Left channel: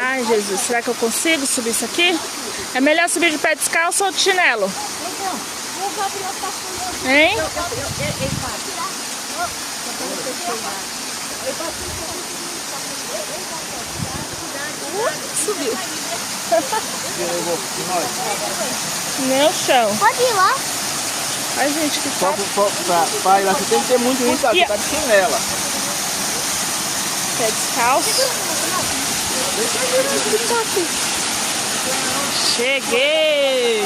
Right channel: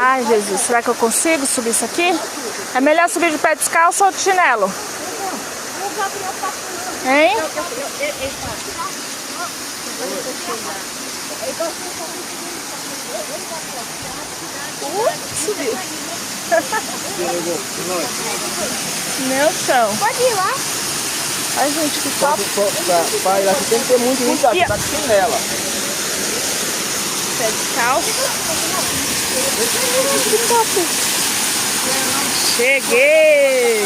Ai, Jesus, será que eu consigo subir isso aqui? É melhor subir de pé descalço ou de chinelo? O Gabriel passou. Hein? Ele passa. Subiu. Meu chão. Pode ir lá. Ai, gente, que top. Você tem que ter muito cuidado, você tá de chinela. Pé descalço. Que top. Cheguei.